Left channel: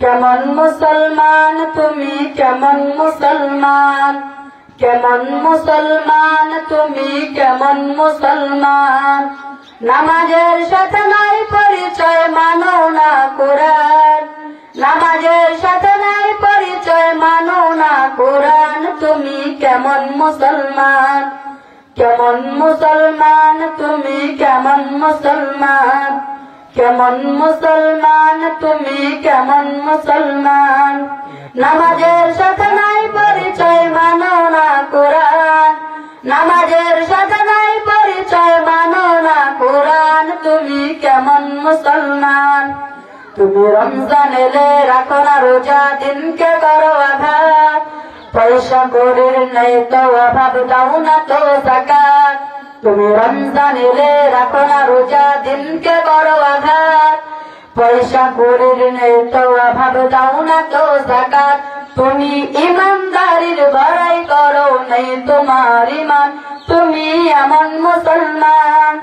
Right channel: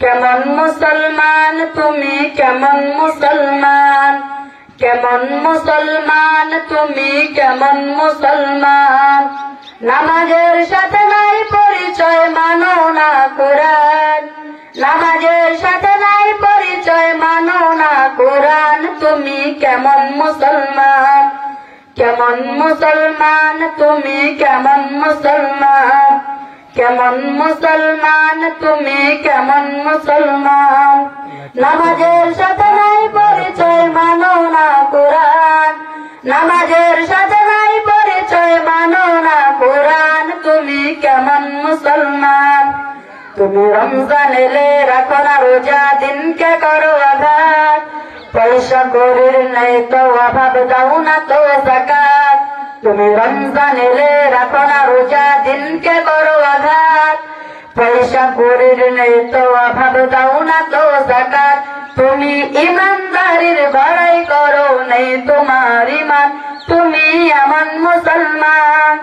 কেমন মুসলমান তুমি, কেমন মুসলমান, কেমন মুসলমান তুমি, কেমন মুসলমান। নামাজের সাথে নাই পরিচয়, মানো না কোরআন। নামাজের সাথে নাই পরিচয়, মানো না কোরআন। তুমি কেমন মুসলমান, কেমন মুসলমান তুমি, কেমন মুসলমান, কেমন মুসলমান তুমি, কেমন মুসলমান। নামাজের সাথে নাই পরিচয়, মানো না কোরআন। নামাজের সাথে নাই পরিচয়, মানো না কোরআন। তুমি কেমন মুসলমান। তুমি রমজান এলে রাখো না রোজা, দিনকে করো আঘাত। পয়সা করির নেই তো অভাব, দাও না তো যাকাত। তুমি রমজান এলে রাখো না রোজা, দিনকে করো আঘাত। পয়সা করির নেই তো অভাব, দাও না তো যাকাত। তুমি ইমানদারির বড়াই করো, নেই তোমার ইমান। তুমি এমন মুসলমান,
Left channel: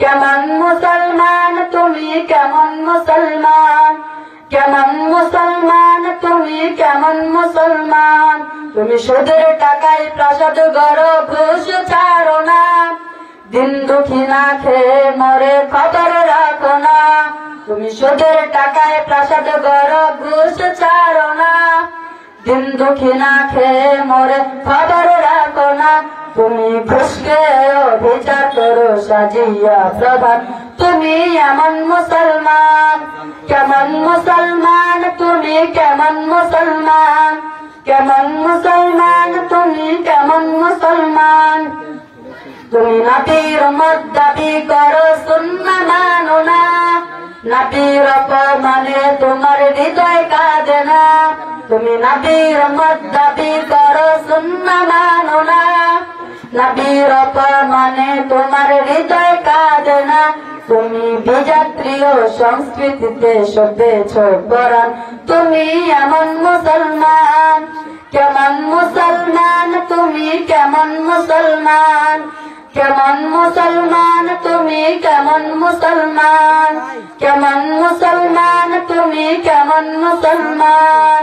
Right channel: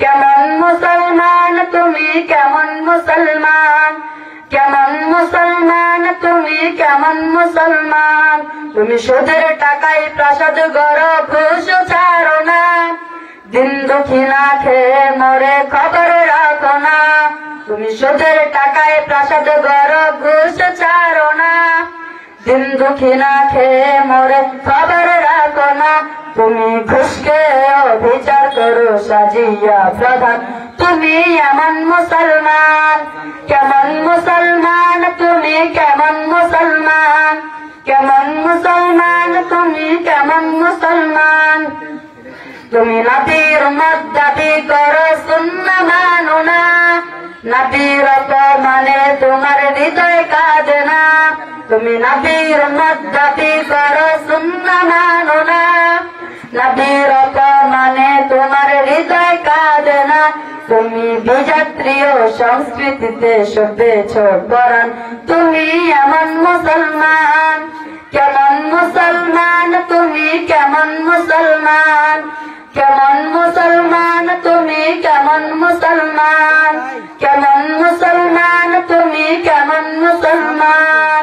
কেমন মুসলমান তুমি, কেমন মুসলমান, কেমন মুসলমান তুমি, কেমন মুসলমান। তুমি সুদের টাকায় প্রাসাদ গড়ো, ঘুষ ছাড়ো না। দিন দুঃখী না খেয়ে মরে, খবর রাখো না। তুমি সুদের টাকায় প্রাসাদ গড়ো, ঘুষ ছাড়ো না। দিন দুঃখী না খেয়ে মরে, খবর রাখো না। তুমি ঘুষকে অবিচার করো সাজিয়া প্রধান। তুমি এমন মুসলমান, কেমন মুসলমান তুমি, কেমন মুসলমান, কেমন মুসলমান তুমি, কেমন মুসলমান। তুমি নবীর উম্মত দাবি করো, সুন্নাহ মানো না। নবীর অপমানে তোমার হৃদয় কাঁদে না। তুমি নবীর উম্মত দাবি করো, সুন্নাহ মানো না। নবীর অপমানে তোমার হৃদয় কাঁদে না। তুমি বিজাতীয় সংস্কৃতিতে সভ্যেছ কোরআন। তুমি এমন মুসলমান, কেমন মুসলমান তুমি, কেমন মুসলমান, কেমন মুসলমান তুমি, কেমন মুসলমান, কেমন মুসলমান তুমি, কেমন মুসলমান।